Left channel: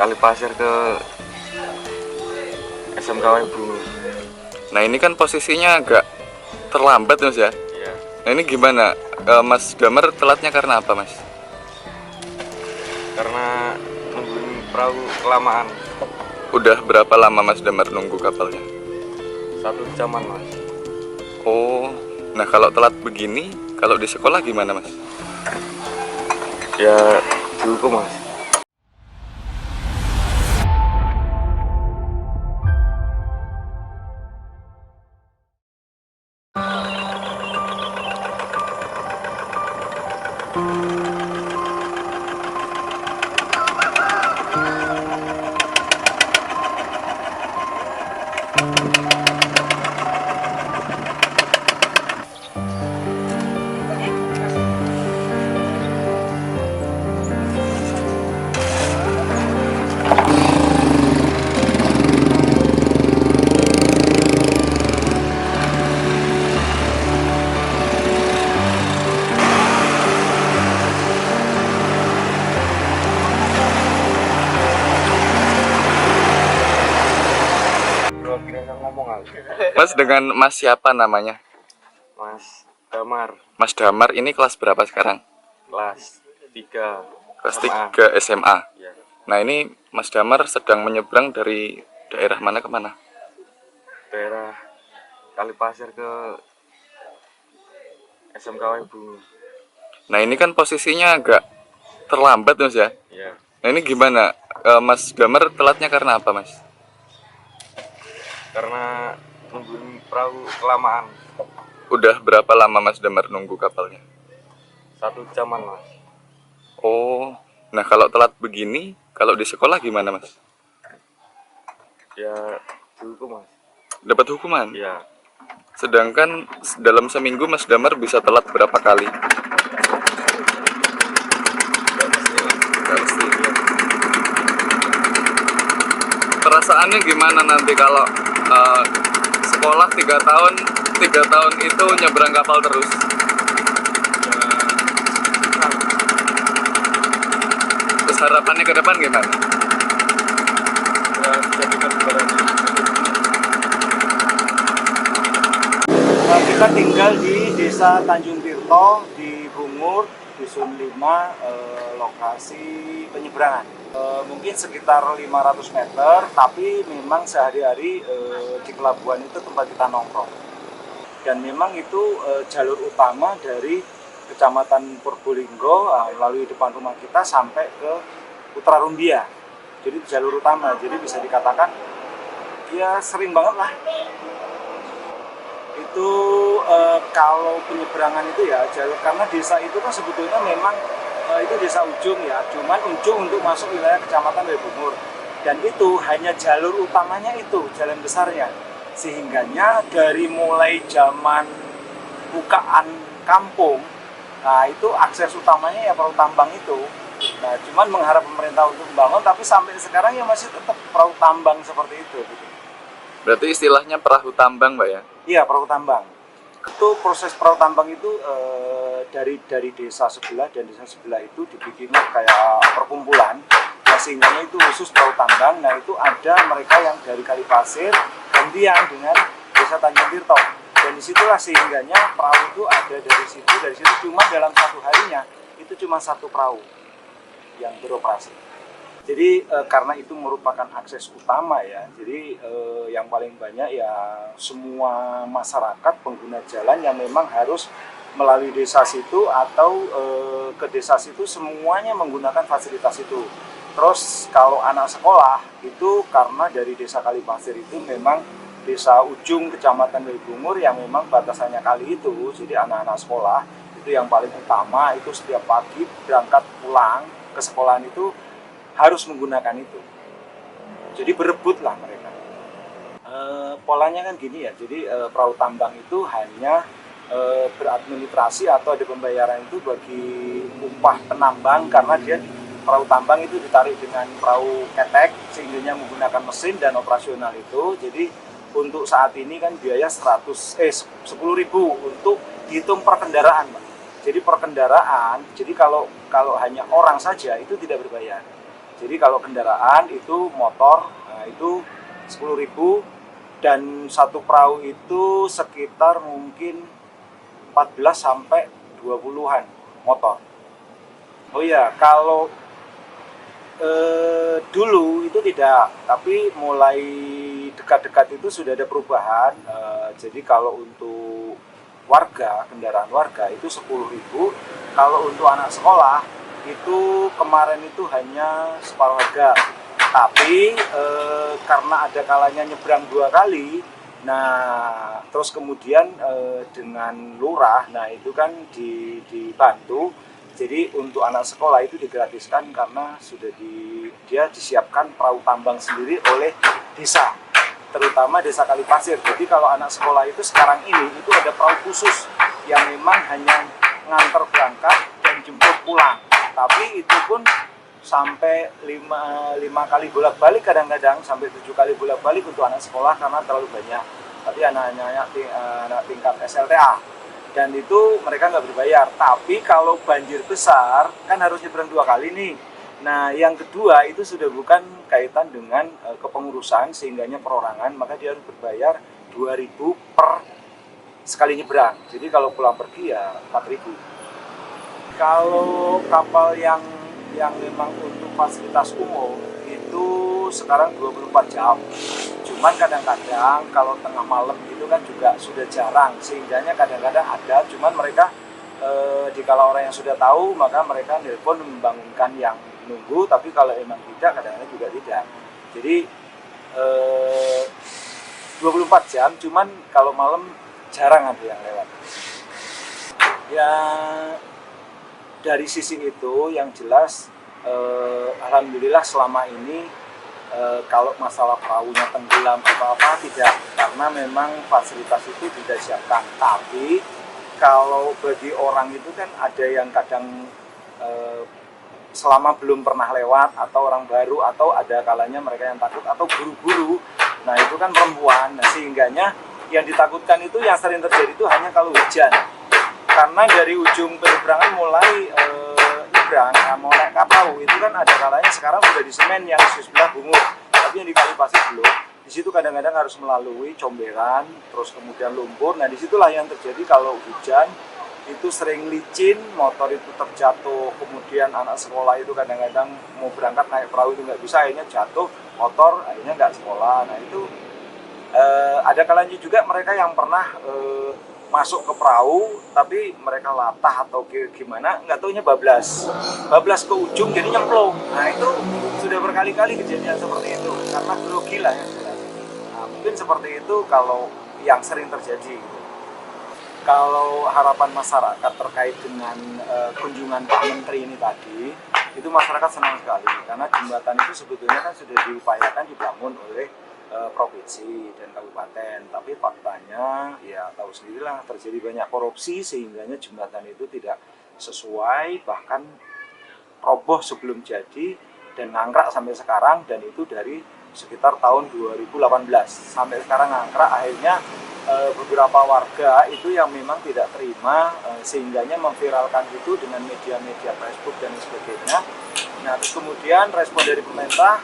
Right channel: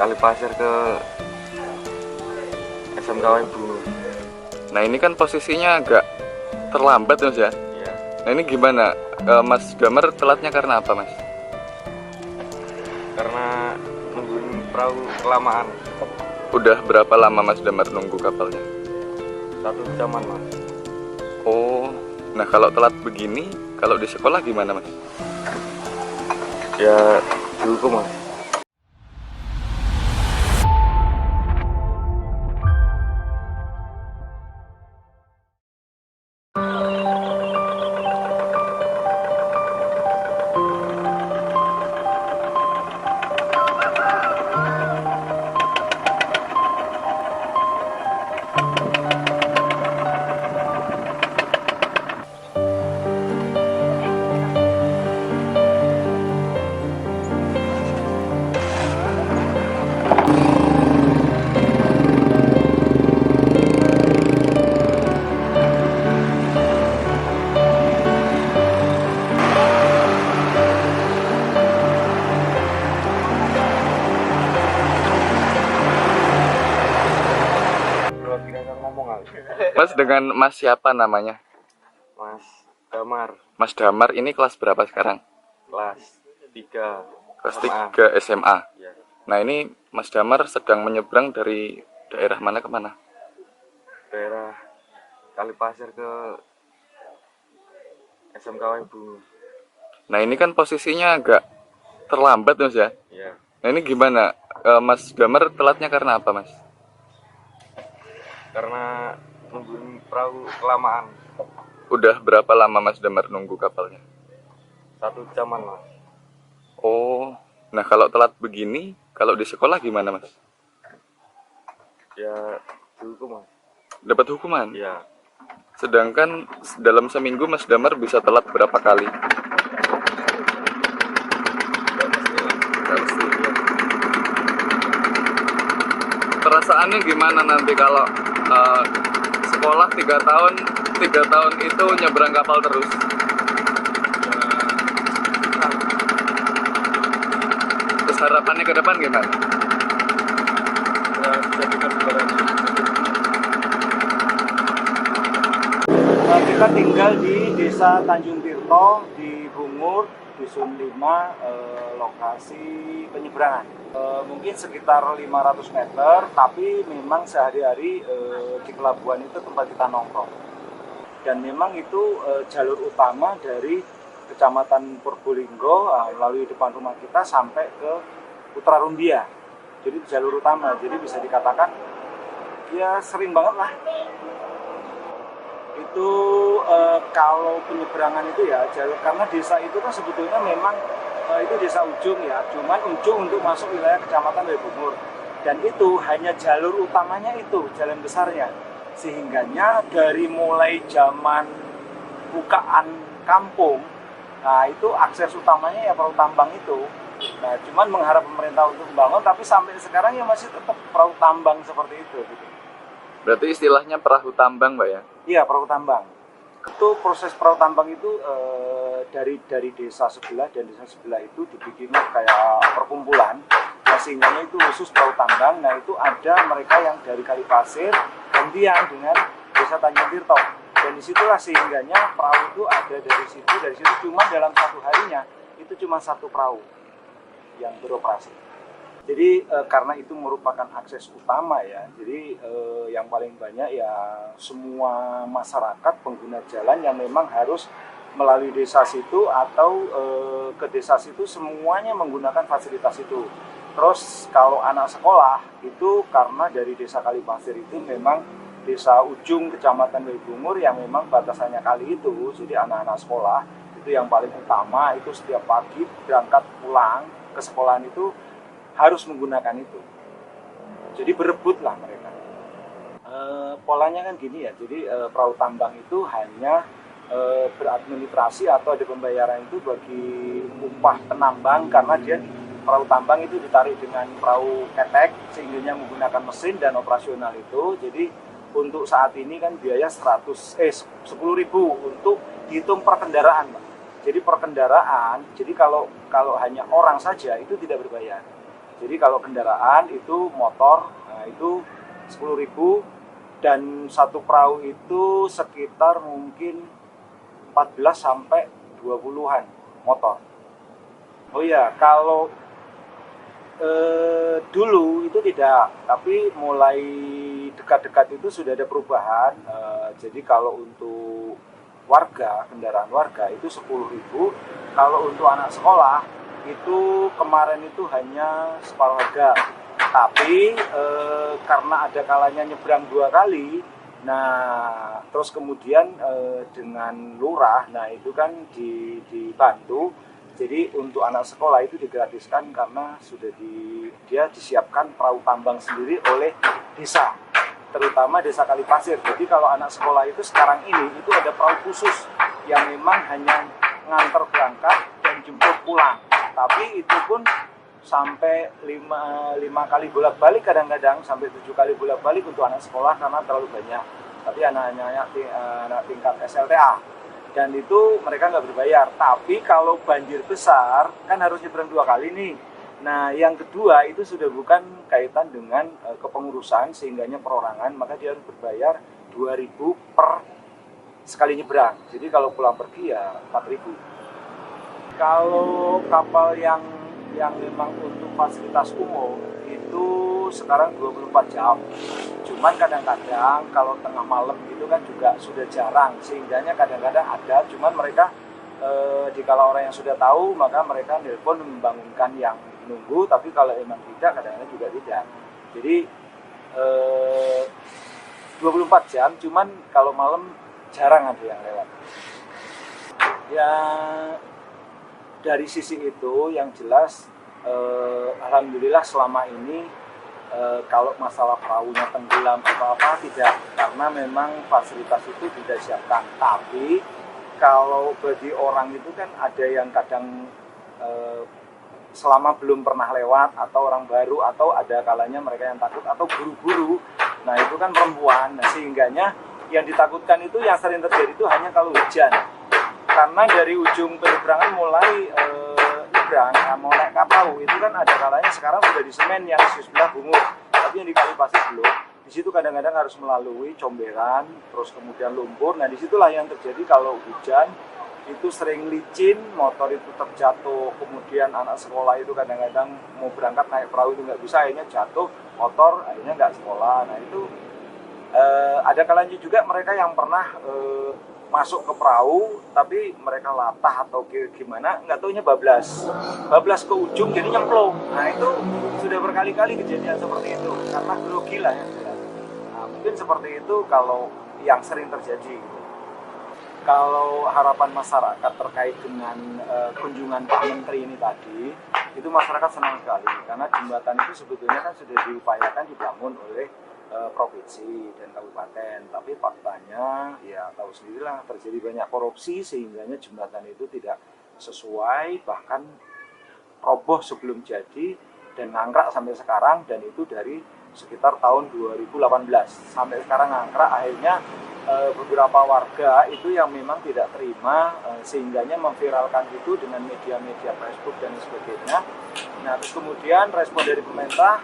Kalipasir ke SMK Ibu. Nah ini kan posisinya agak terlambat Mas ya. Iya. Nah ini gimana? Mas Damar telatnya karena apa Mas? Karena nungguin perahu kelamaan. Udah berapa lama Mas Damar nunggu kapalnya? 1 jaman Mas. Oh, nah kalau telat begini, kalau di sekolah gimana Mas? Ya dihukum Mas. Mas dengan Mas siapa namanya? Mas Damar, Mas Damar ini kelas berapa sekarang? kelas 3 Kelas SMA. 3 SMA. Ya, Nah ini Mas Damar sedang menyeberang dari daerah mana ke mana? daerah Kalipasir ke SMK Ibu. Nah ini kan posisinya agak terlambat Mas ya. Ya, Nah ini gimana? Mas Damar telatnya karena apa Mas? karena nungguin perahu kelamaan. Udah berapa lama Mas Damar nunggu kapalnya? 1 jaman Mas. Oh, nah kalau telat begini, kalau di sekolah gimana Mas? Ya dihukum Mas. Dapat hukuman? Ya, Sedangkan dalam seminggu Mas Damar bisa telat berapa kali? Nggak mesti. Perasaannya gimana nanti kalau sekolah 3 tahun itu nyebrang kapal terus? Terus harapannya ke depan gimana? ya jadikan barangnya. Kita tinggal di Desa Tanjung Tirto di Bungur, Dusun 5, lokasi penyeberangan. Mungkin sekitar 500 meter, tapi memang sehari-hari di pelabuhan itu tempat kita nongkrong. Dan memang itu jalur utama dari Kecamatan Purbolinggo melalui depan rumah kita sampai ke Putra Rumbia. Jadi jalur utama, jadi bisa dikatakan ya sering banget lah. Itu kalau penyeberangan itu ya jalur, karena desa itu kan sebetulnya memang itu desa ujung ya, cuman ujung untuk masuk wilayah Kecamatan Bungur, dan itu hanya jalur utamanya itu, jalan besarnya, sehingganya dari mulai zaman bukaan kampung, nah itu akses utamanya ya perahu tambang itu. Nah cuman mengharap pemerintah untuk membangun, tapi sampai sekarang ya masih tetap perahu tambang seperti itu gitu. Berarti istilahnya perahu tambang Mbak ya? Iya, perahu tambang. Itu proses perahu tambang itu dari desa sebelah dan desa sebelah itu dibikinnya kayak perkumpulan. Sehingga itu khusus perahu tambang. Nah itu ada mereka yang dari Kalipasir gantian dengan Desa Tanjung Tirto. Dan disitulah sehingganya perahu itu ada dari situ cuma dalam satu harinya itu cuma 1 perahu yang beroperasi. Jadi karena itu merupakan akses utama ya, jadi yang paling banyak ya semua masyarakat pengguna jalan yang memang harus melalui desa situ atau ke desa situ semuanya menggunakan fasilitas itu. Terus kalau anak sekolah itu karena dari Desa Kalipasir itu memang desa ujung Kecamatan Bungur yang memang batasannya kali itu, jadi anak-anak sekolah itu yang paling utama itu setiap pagi berangkat pulang ke sekolahan itu harus menggunakan itu. Jadi berebutlah mereka. Polanya kan gini ya, jadi perahu tambang itu hanya beradministrasi atau ada pembayaran itu bagi upah penambang, karena dia perahu tambang itu ditarik dengan perahu ketek sehingga menggunakan mesin dan operasional itu. Jadi untuk saat ini kan biaya 10.000 untuk dihitung per kendaraan, Pak. Jadi per kendaraan, jadi kalau hanya orang saja itu tidak berbayar. Jadi kalau kendaraan itu motor, nah itu 10.000, dan satu perahu itu sekitar mungkin 14 sampai 20-an motor. Oh iya, kalau dulu itu tidak, tapi mulai dekat-dekat itu sudah ada perubahan. Jadi kalau untuk warga, kendaraan warga itu 10.000. Kalau untuk anak sekolah itu kemarin itu hanya separuh harga. Tapi karena ada kalanya nyebrang 2 kali, nah terus kemudian dengan lurah, nah itu kan dibantu. Jadi untuk anak sekolah itu digratiskan karena sudah dia disiapkan perahu tambang sendiri oleh desa, terutama desa Kalipasir. Jadi kalau anak sekolah itu sekarang ini itu ada perahu khusus yang memang hanya nganter berangkat dan jemput pulang. Tapi itu pun sampai 5 kali bolak-balik, kadang-kadang sampai 7 kali bolak-balik untuk anak sekolah karena terlalu banyak. Tapi anak tingkat SLTA, dan itu mereka nggak berbayar. Tapi kalau banjir besar kan harus nyebrang 2 kali nih. Nah yang kedua itu sudah bukan kaitan dengan kepengurusan sehingganya perorangan, maka dia harus berbayar 2.000 per sekali nyebrang. Jadi kalau pulang pergi ya 4.000. Kalau kapal yang memang untuk fasilitas umum itu sekarang 24 jam. Cuman kadang-kadang kalau tengah malam itu kan juga sudah jarang, sehingganya kadang-kadang ada, cuman mereka dikala orang yang sudah tahu maka mereka nelpon membangunkan yang nunggu, tapi kalau emang tidak kadang-kadang juga tidak. Jadi 24 jam, cuman kalau malam jarang ada yang lewat. Ya dari sisi itu yang jelas alhamdulillah selama ini kalau masalah perahunya tenggelam apa-apa tidak, karena memang fasilitas itu tidak disiapkan. Tapi kalau bagi orang itu kan ada yang kadang selama belum pernah lewat, atau orang baru, atau ada kalanya mereka yang takut, atau guru-guru, nah itu kan perempuan. Nah sehingganya yang ditakutkan itu yang sering terjadi itu hanya kalau hujan, karena dari ujung penyeberangan mulai nyebrang, mau naik kapal itu kan ada kalanya sekarang sudah di semen yang di sebelah Bungur, tapi yang di Kalipasir belum. Di situ kadang-kadang harus melalui comberan, terus kemudian lumpur. Nah disitulah yang terjadi kalau hujan itu sering licin, motor itu terjatuh, kemudian anak sekolah itu kadang-kadang mau berangkat naik perahu itu nggak bisa, akhirnya jatuh motor, akhirnya nggak sekolah. Nah itu ada kalanya juga mereka yang pernah masuk ke perahu tapi mereka latah atau gimana nggak taunya bablas ke ujung jadi nyemplung. Nah itu sudah berkali-kali kejadian seperti itu karena grogi lah ya. Nah, mungkin seperti itu kalau yang sering terjadi. Kalau harapan masyarakat terkait dengan kunjungan Pak Menteri ini tadi, itu masyarakat senang sekali karena jembatan itu sebetulnya kan sudah diupayakan dibangun oleh provinsi dan kabupaten, tapi faktanya ya tahu sendirilah terjadi banyak korupsi sehingganya jembatan itu tidak sesuai, bahkan roboh sebelum jadi dan ngangkrak sampai sekarang, dan itu dari sekitar tahun 2018 sampai sekarang ngangkrak. Akhirnya beberapa warga itu yang memang tidak terima sehingganya memviralkan itu dengan media-media Facebook dan sebagainya. Nah terus kemudian respon dari pemerintah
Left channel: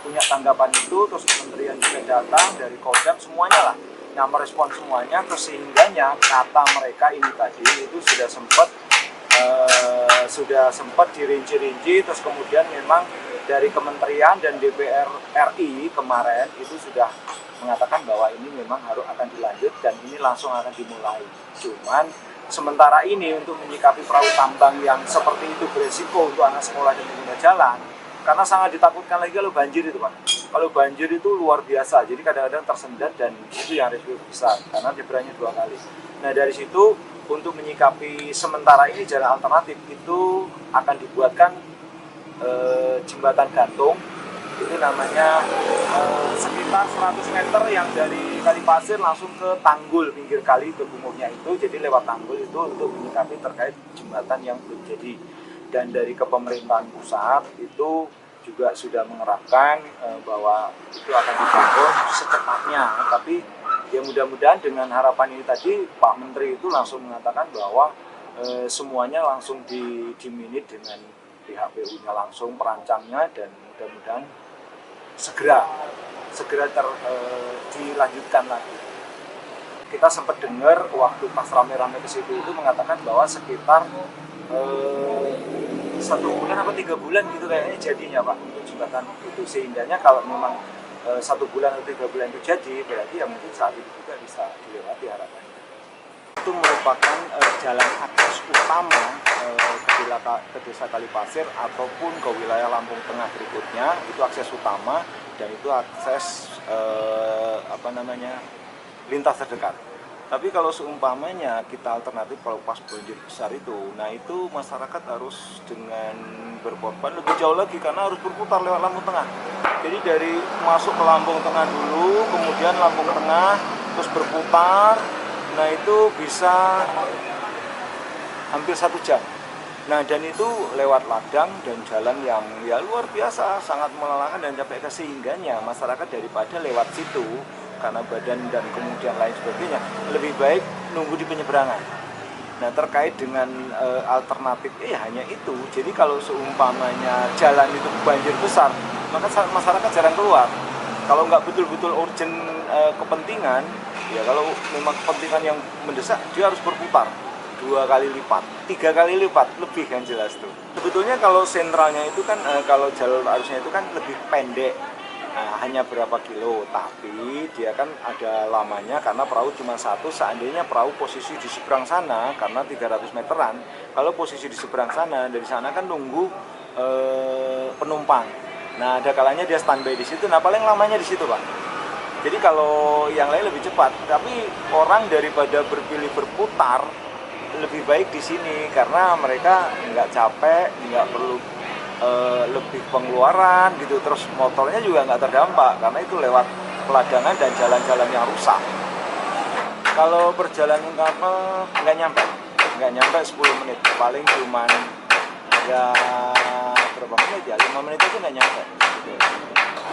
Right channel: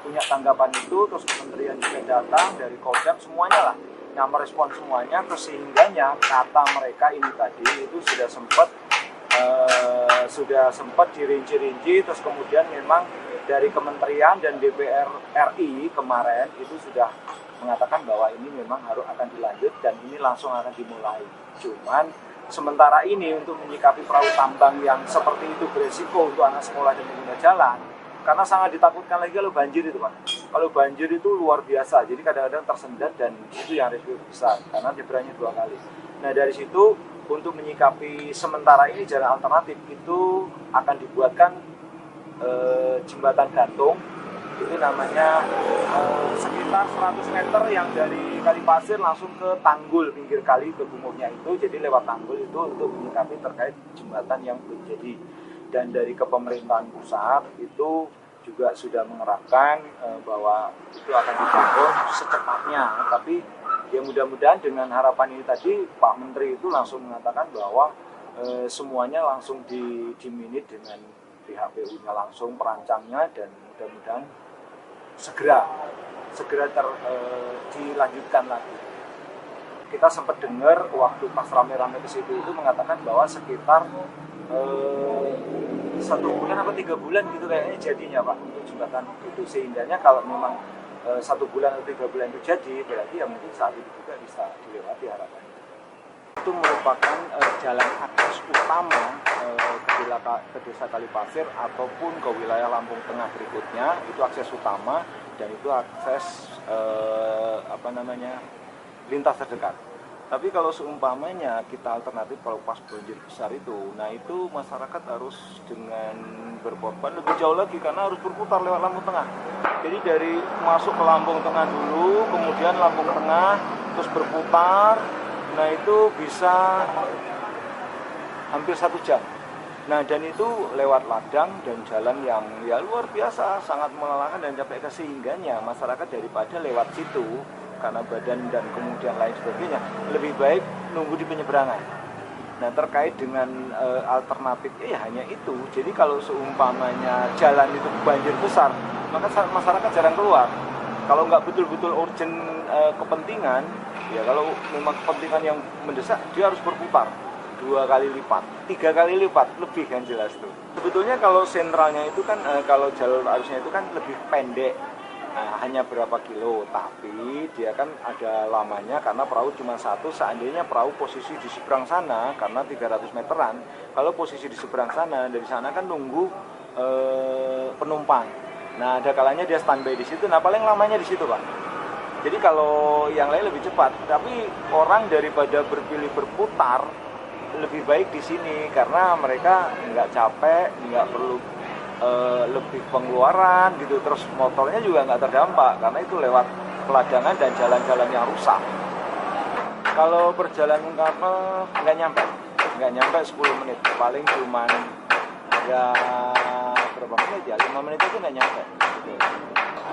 punya tanggapan itu, terus kementerian juga datang dari Kodam semuanya lah. Nah merespon semuanya, terus sehingganya kata mereka ini tadi itu sudah sempat dirinci-rinci, terus kemudian memang dari kementerian dan DPR RI kemarin itu sudah mengatakan bahwa ini memang akan dilanjut dan ini langsung akan dimulai. Cuman sementara ini untuk menyikapi perahu tambang yang seperti itu beresiko untuk anak sekolah dan pengguna jalan, karena sangat ditakutkan lagi kalau banjir itu Pak. Kalau banjir itu luar biasa, jadi kadang-kadang tersendat dan itu yang risiko besar karena nyebrangnya 2 kali. Nah dari situ untuk menyikapi sementara ini jalan alternatif itu akan dibuatkan jembatan gantung, itu namanya sekitar 100 meter yang dari Kalipasir langsung ke Tanggul pinggir kali ke Bungurnya itu, jadi lewat Tanggul itu untuk menyikapi terkait jembatan yang belum jadi. Dan dari kepemerintahan pusat itu juga sudah mengerapkan bahwa itu akan dibangun secepatnya. Tapi ya mudah-mudahan dengan harapan ini tadi Pak Menteri itu langsung mengatakan bahwa semuanya langsung diminit dengan pihak PU-nya langsung perancangnya, dan mudah-mudahan segera dilanjutkan lagi. Kita sempat dengar waktu pas rame-rame ke situ itu mengatakan bahwa sekitar 1 bulan atau 3 bulan gitu kayaknya jadinya Pak untuk jembatan itu, sehingganya kalau memang 1 bulan atau 3 bulan itu jadi, berarti ya mungkin saat itu juga bisa dilewati harapannya. Itu merupakan jalan akses utama ke Desa Kalipasir ataupun ke wilayah Lampung Tengah berikutnya, itu akses utama dan itu akses lintas terdekat. Tapi kalau seumpamanya kita alternatif kalau pas banjir besar itu, nah itu masyarakat harus dengan berkorban lebih jauh lagi karena harus berputar lewat Lampung Tengah. Jadi dari masuk ke Lampung Tengah dulu, kemudian Lampung Tengah, terus berputar, nah itu bisa hampir 1 jam. Nah dan itu lewat ladang dan jalan yang ya luar biasa, sangat melelahkan dan capek, sehingganya masyarakat daripada lewat situ karena badan dan kemudian lain sebagainya, lebih baik nunggu di penyeberangan. Nah terkait dengan alternatif hanya itu. Jadi kalau seumpamanya jalan itu banjir besar, maka masyarakat jarang keluar. Kalau nggak betul-betul urgent kepentingan, ya kalau memang kepentingan yang mendesak, dia harus berputar 2 kali lipat, 3 kali lipat, lebih kan jelas tuh. Sebetulnya kalau sentralnya itu kan, kalau jalur arusnya itu kan lebih pendek. Nah, hanya berapa kilo, tapi dia kan ada lamanya karena perahu cuma 1. Seandainya perahu posisi di seberang sana karena 300 meteran, kalau posisi di seberang sana, dari sana kan nunggu penumpang. Nah ada kalanya dia standby di situ, nah paling lamanya di situ Pak. Jadi kalau yang lain lebih cepat, tapi orang daripada berpilih berputar, lebih baik di sini karena mereka nggak capek, nggak perlu lebih pengeluaran gitu, terus motornya juga nggak terdampak karena itu lewat peladangan dan jalan-jalan yang rusak. Kalau perjalanan kapal nggak nyampe 10 menit, paling cuman ya berapa menit ya, 5 menit itu nggak nyampe gitu.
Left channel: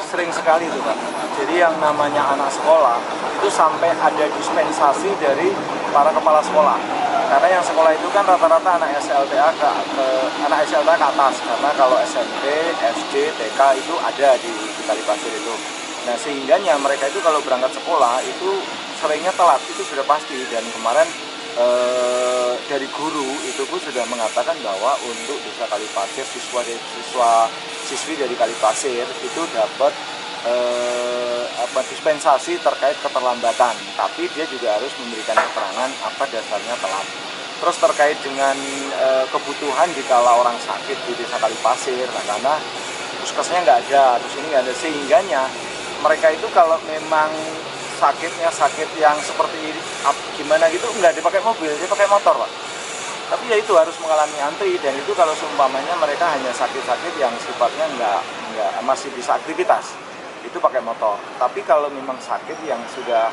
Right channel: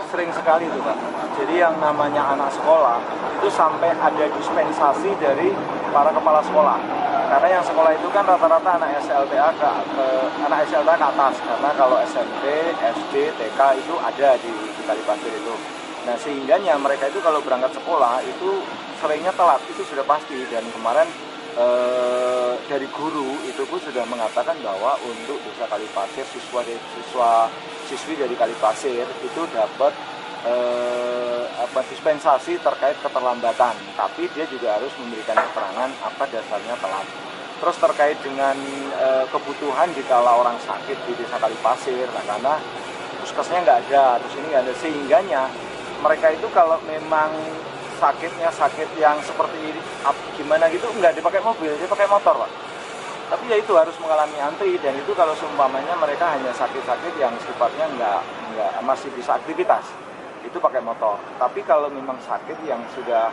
Sering sekali itu Pak, jadi yang namanya anak sekolah itu sampai ada dispensasi dari para kepala sekolah. Karena yang sekolah itu kan rata-rata anak SLTA ke atas, karena kalau SMP, SD, TK itu ada di Kalipasir itu. Nah sehingganya mereka itu kalau berangkat sekolah itu seringnya telat, itu sudah pasti. Dan kemarin dari guru itu pun sudah mengatakan bahwa untuk Desa Kalipasir, siswi dari Kalipasir itu dapat dispensasi terkait keterlambatan, tapi dia juga harus memberikan keterangan apa dasarnya telat. Terus terkait dengan kebutuhan jika orang sakit di Desa Kalipasir, nah, karena puskesnya nggak ada, terus ini nggak ada, sehingganya mereka itu kalau memang sakitnya sakit yang seperti ini, gimana gitu, nggak dipakai mobil, dia pakai motor Pak. Tapi ya itu harus mengalami antri, dan itu kalau seumpamanya mereka hanya sakit-sakit yang sifatnya nggak masih bisa aktivitas, itu pakai motor. Tapi kalau memang sakit yang sudah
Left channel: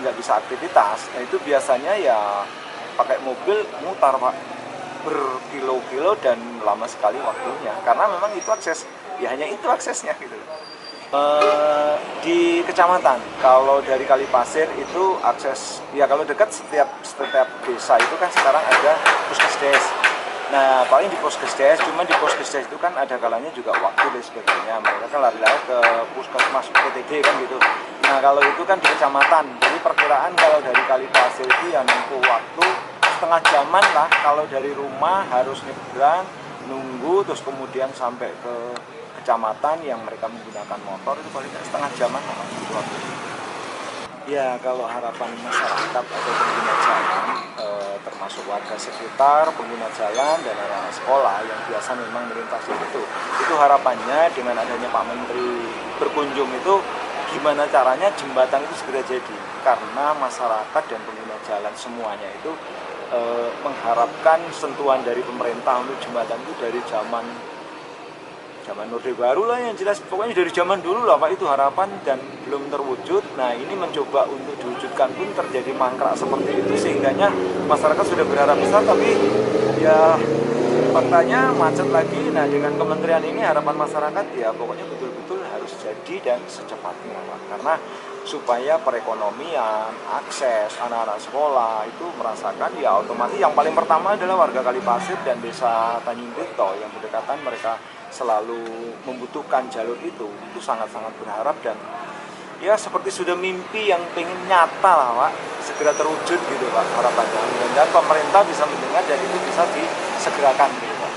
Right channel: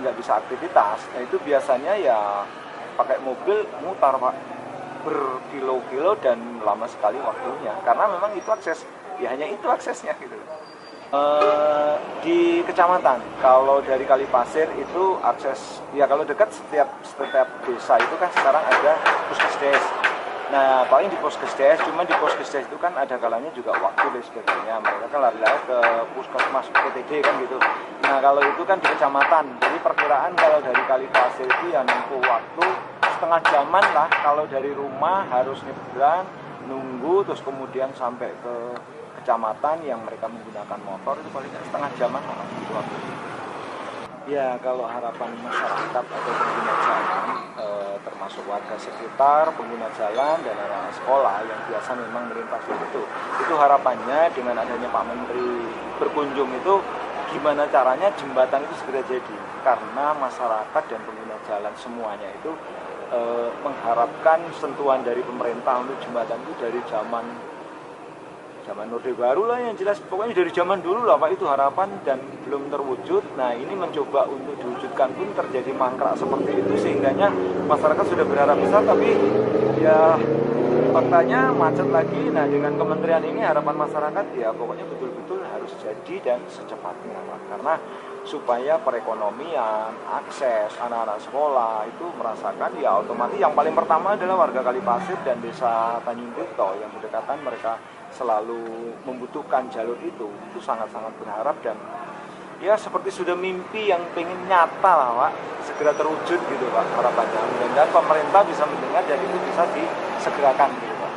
nggak bisa aktivitas, nah itu biasanya ya pakai mobil mutar Pak, berkilo-kilo dan lama sekali waktunya, karena memang itu akses, ya hanya itu aksesnya gitu. Di kecamatan, kalau dari Kalipasir itu akses, ya kalau dekat setiap desa itu kan sekarang ada puskesdes. Nah paling di puskesdes, cuma di puskesdes itu kan ada kalanya juga waktu dan sebagainya, mereka kan lari-lari ke puskesmas PTD kan gitu. Nah kalau itu kan di kecamatan, jadi perkiraan kalau dari Kalipasir itu ya nempuh waktu setengah jaman lah, kalau dari rumah harus nyebrang, nunggu, terus kemudian sampai ke kecamatan yang mereka menggunakan motor itu paling setengah jaman lah gitu waktu. Ya kalau harapan masyarakat atau pengguna jalan, termasuk warga sekitar, pengguna jalan dan anak sekolah yang biasa memang melintasi itu harapannya dengan adanya Pak Menteri berkunjung itu gimana caranya jembatan itu segera jadi, karena masyarakat dan pengguna jalan semuanya itu mengharapkan sentuhan dari pemerintah untuk jembatan itu dari zaman Orde Baru lah, yang jelas pokoknya dari zaman dulu lah Pak, itu harapan dan belum terwujud. Nah ini mencoba untuk diwujudkan pun terjadi mangkrak seperti itu, sehingganya masyarakat sudah berharap besar, tapi ya faktanya macet lagi. Nah, dengan kementerian ini harapan masyarakat ya pokoknya betul-betul harus jadi dan secepatnya, Pak. Karena supaya perekonomian, akses anak-anak sekolah itu merasakan ya otomatis yang paling pertama adalah warga Kalipasir dan desa Tanjung Tirto yang berdekatan, mereka selalu membutuhkan jalur itu sangat-sangat berharap dan ya seperti sudah mimpi yang pengen nyata lah, Pak, segera terwujud gitu, Pak, harapannya. Mudah-mudahan pemerintah bisa mendengar dan itu bisa disegerakan gitu, Pak.